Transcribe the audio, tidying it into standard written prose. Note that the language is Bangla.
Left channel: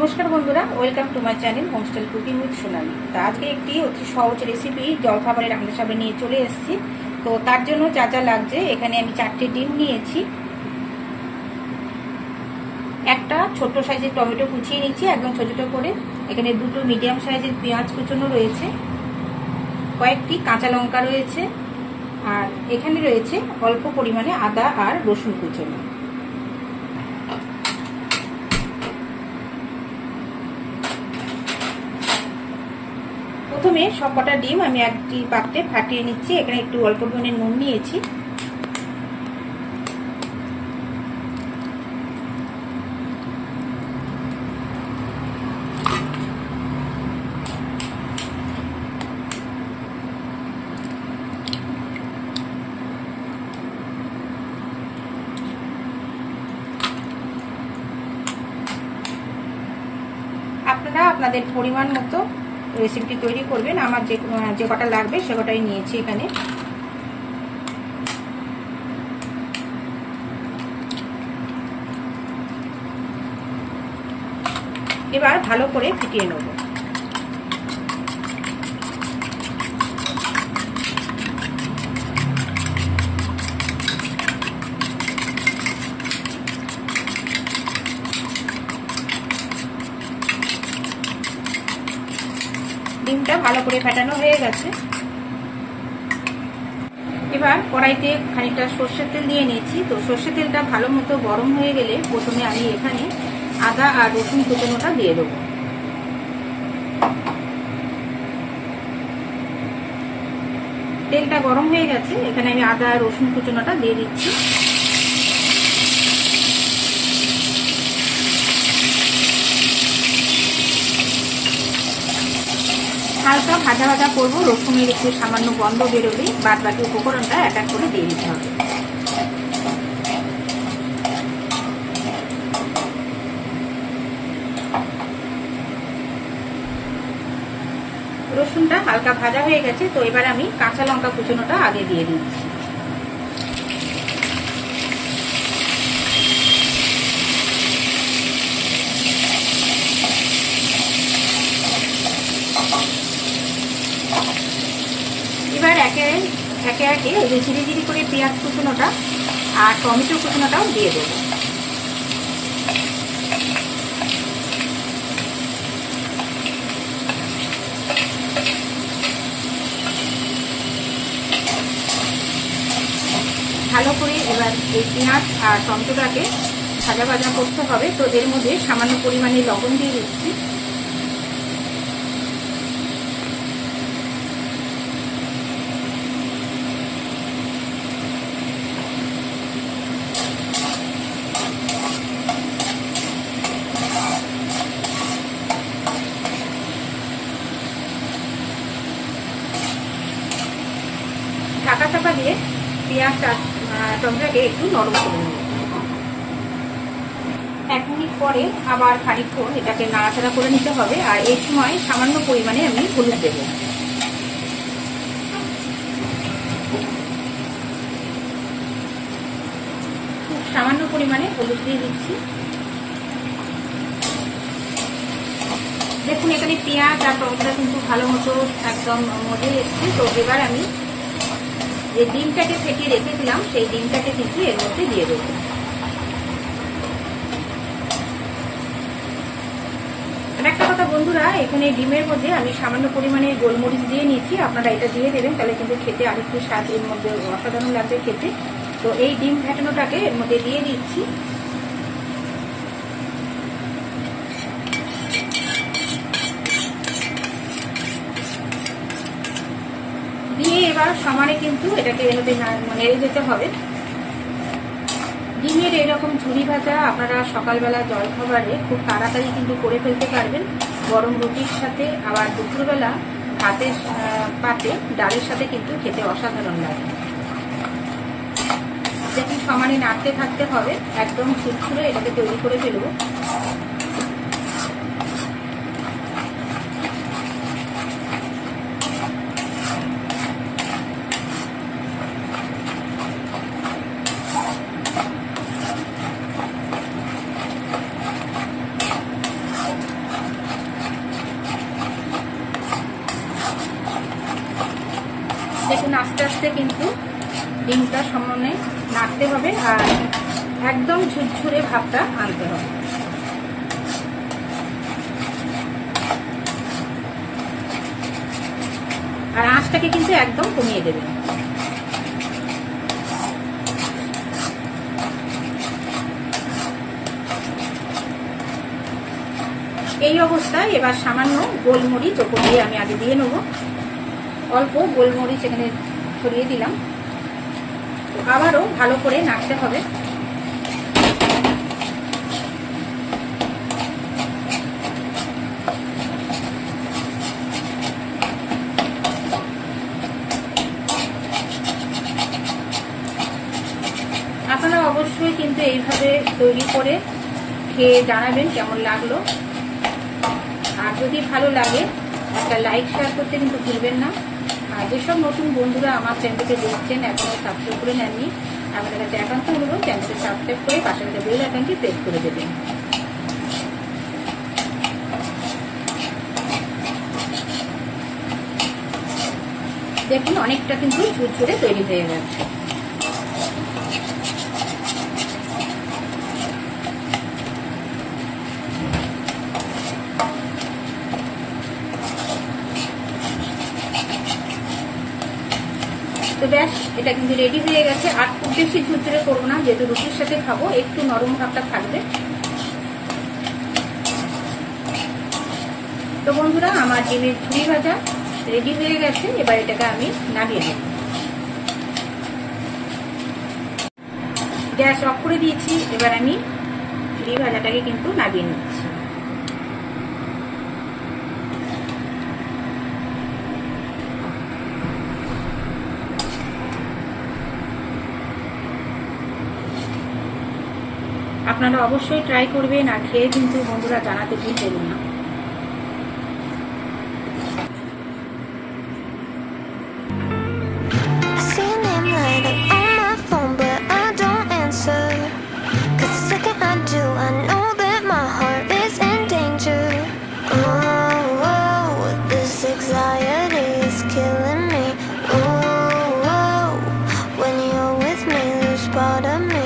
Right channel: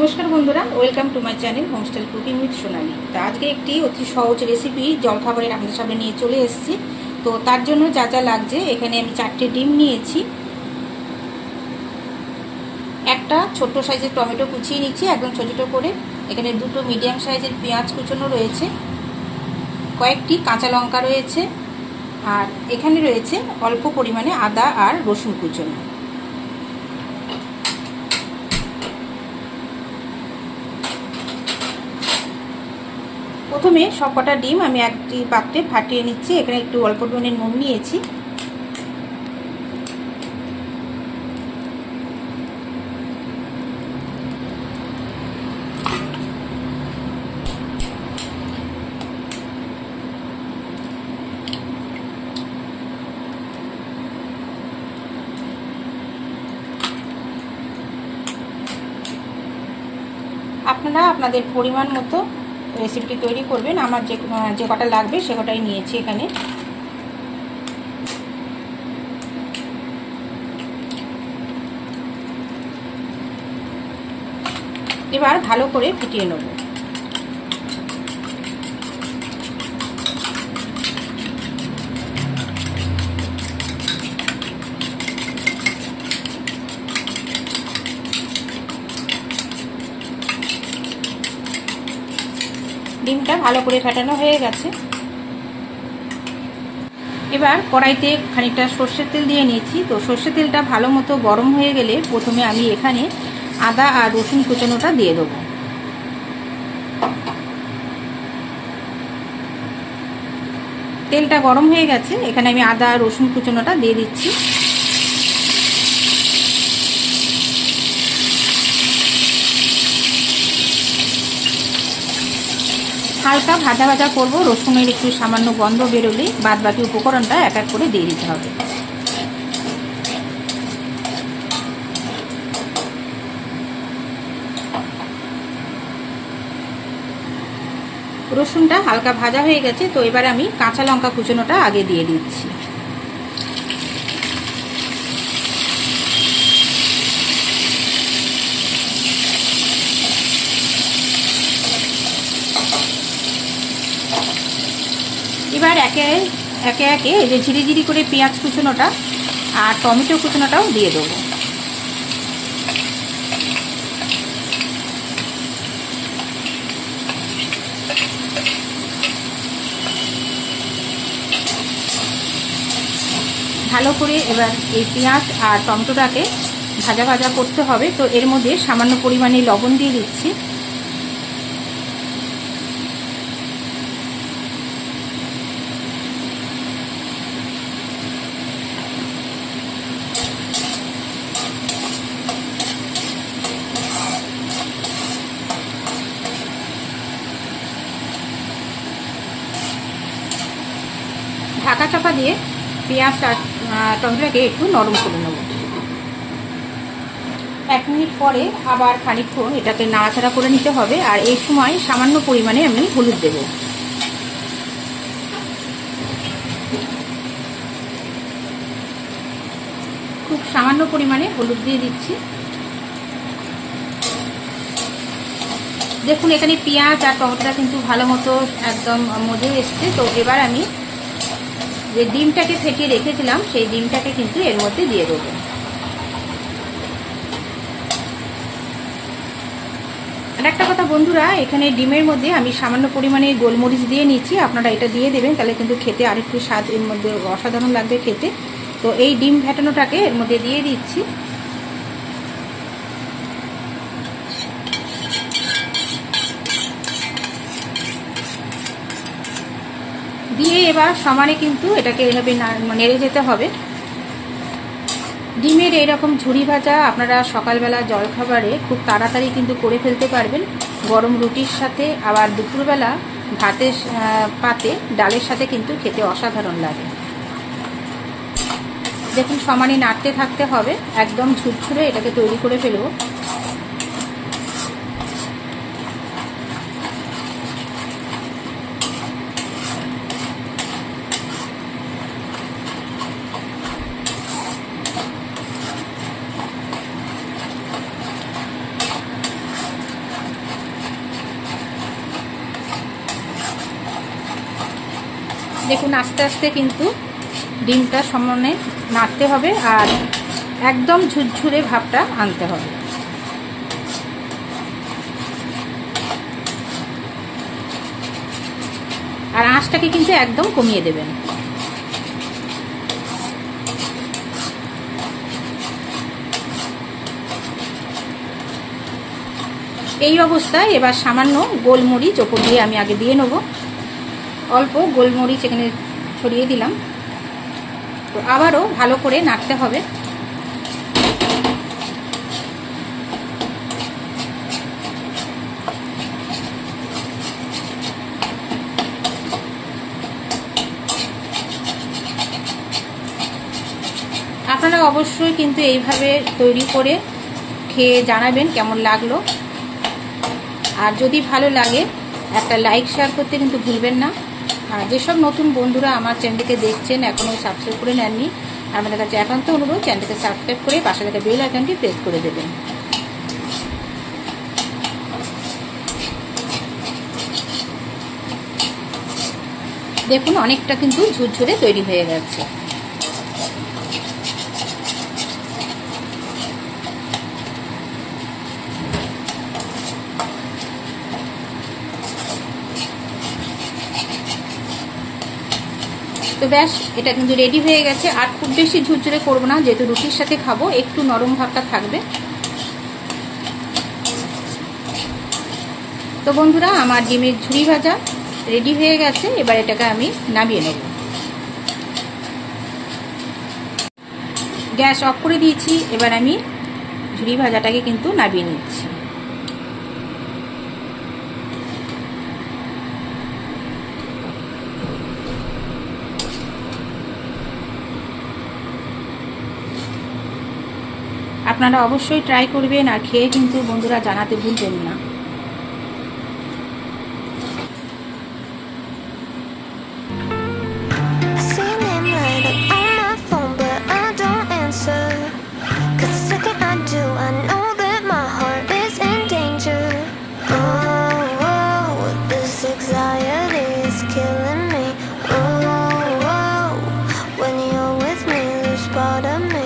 নমস্কার বন্ধুরা, welcome to my channel homestyle cooking with Sonali. তো আজকে একটি অতি সহজ রেসিপি জলখাবারের আপনাদের সামনে নিয়ে চলে এসেছি। তো তার জন্য যা যা লাগছে, এখানে আমি 4টে ডিম নিয়েছি, একটা ছোট সাইজের টমেটো কুচিয়ে নিচ্ছি একদম ছোট ছোট করে, এখানে 2টো মিডিয়াম সাইজের পেঁয়াজ কুচোনো রয়েছে, কয়েকটি কাঁচা লঙ্কা রয়েছে, আর এখানে রয়েছে অল্প পরিমাণে আদা আর রসুন কুচোনো। প্রথমে সবকটা ডিম আমি একটি পাত্রে ফাটিয়ে নিচ্ছি। এখানে একটু অল্প পরিমাণে নুন নিয়েছি, আপনারা আপনাদের পরিমাণ মতো রেসিপিটি তৈরি করবেন। আমার যে কটা লাগবে সে কটাই নিয়েছি এখানে। এবার ভালো করে ফিটিয়ে নেব। ডিমটা ভালো করে ফেটানো হয়ে গেছে। এবার কড়াইতে খানিকটা সর্ষের তেল দিয়ে নিয়েছি। তো সর্ষের তেলটা ভালো মতো গরম হয়ে গেলে প্রথমে আমি এখানে আদা আর রসুন কুচানোটা দিয়ে দেবো। তেলটা গরম হয়ে গেছে, এখানে আমি আদা আর রসুন কুচানোটা দিয়ে দিচ্ছি। হালকা ভাজা ভাজা করবো, রসুনের একটু সামান্য গন্ধ বেরোলে বাদ বাকি উপকরণটা এক এক করে দিয়ে দিতে হবে। রসুনটা হালকা ভাজা হয়ে গেছে, তো এবার আমি কাঁচা লঙ্কা কুচানোটা আগে দিয়ে দিচ্ছি। এবার একে একে এই যে ঝিরি ঝিরি করে পেঁয়াজ কুচানোটা আর টমেটো কুচানোটাও দিয়ে দেবো। ভালো করে এবার এই পেঁয়াজ আর টমেটোটাকে ভাজা ভাজা করতে হবে। তো এর মধ্যে সামান্য পরিমাণে লবণ দিয়ে দিচ্ছি। ঢাকা চাপা দিয়ে পেঁয়াজ আর টমেটোটাকে একটু নরম করে নেব। 1 মিনিট পরে আবার খানিকক্ষণ এটাকে নাড়াচাড়া করে নিতে হবে। আর এই সময় সামান্য পরিমাণে আমি হলুদ দেব। খুব সামান্য পরিমাণে হলুদ দিয়ে দিচ্ছি। দেখুন এখানে পেঁয়াজ আর টমেটোটা কিন্তু ভালো মতো একদম মজে এসছে। তো এবার আমি যে ডিমটাকে ফেটিয়ে রেখেছিলাম সেই ডিমটাকে কিন্তু এর মধ্যে দিয়ে দেবো। একটা কথা বন্ধুরা, এখানে ডিমের মধ্যে আমি সামান্য পরিমাণে গোলমরিচ দিয়ে নিচ্ছি। আপনারা এটা দিয়ে দেবেন, তাহলে কিন্তু খেতে আরেকটু স্বাদ এর মধ্যে অসাধারণ লাগবে খেতে। তো এই ডিম ফেটানোটাকে এর মধ্যে দিয়ে দিচ্ছি। দিয়ে এবার সমানে কিন্তু এটাকে এভাবে নেড়ে যেতে হবে। ডিমের এরকম ঝুরি ভাজা আপনারা সকালবেলা জলখাবারে খুব তাড়াতাড়ি কিন্তু করে ফেলতে পারবেন, গরম রুটির সাথে। আবার দুপুরবেলা ভাতের পাতে ডালের সাথে কিন্তু খেতে অসাধারণ লাগে। দেখুন সমানে নাড়তে থাকতে হবে, একদম ঝুরঝুরে এটাকে তৈরি করে ফেলবো। দেখুন আস্তে আস্তে কিন্তু ডিমটা সমানে নাড়তে হবে আর একদম ঝুরঝুরে ভাবটা আনতে হবে। আর আঁচটাকে কিন্তু একদম কমিয়ে দেবেন। এই অবস্থায় এবার সামান্য গোলমরিচ ওপর দিয়ে আমি আগে দিয়ে নেব। অল্প গোলমরিচ এখানে ছড়িয়ে দিলাম। তো আবারও ভালো করে নাড়তে হবে। আপনারা অবশ্যই কিন্তু এইভাবে তৈরি করে খেয়ে জানাবেন কেমন লাগলো। আর যদি ভালো লাগে একটা লাইক শেয়ার করতে কিন্তু ভুলবেন না। আর যেসব নতুন বন্ধুরা আমার চ্যানেলকে দেখছেন এখনো সাবস্ক্রাইব করে নেননি, আমাদের কাছে একান্ত অনুরোধ চ্যানেলকে সাবস্ক্রাইব করে পাশে থাকা বেল আইকনটি প্রেস করে দেবেন। দেখুন অনেকটা কিন্তু ঝুরঝুরে তৈরি হয়ে গেছে। তো ব্যাস এটা কিন্তু রেডি হয়ে গেছে। আর খুব বেশি ঝুরঝুরে করবো না, যেহেতু রুটির সাথে খাবো, একটু নরম ভাবটা থাকবে। তো বন্ধুরা আমার ডিমের ঝুড়ি ভাজা রেডি হয়ে গেছে। এবার এটাকে আমি নামিয়ে নেব। গ্যাস অফ করে দিয়েছি। এবার আমি ঝুড়ি ভাজাটাকে কিন্তু নামিয়ে নিচ্ছি। আপনারা অবশ্যই ট্রাই করবেন আর খেয়ে কিন্তু বন্ধুরা জানাতে ভুলবেন না। Killing me. Ooh, when you're with me, lose part of me.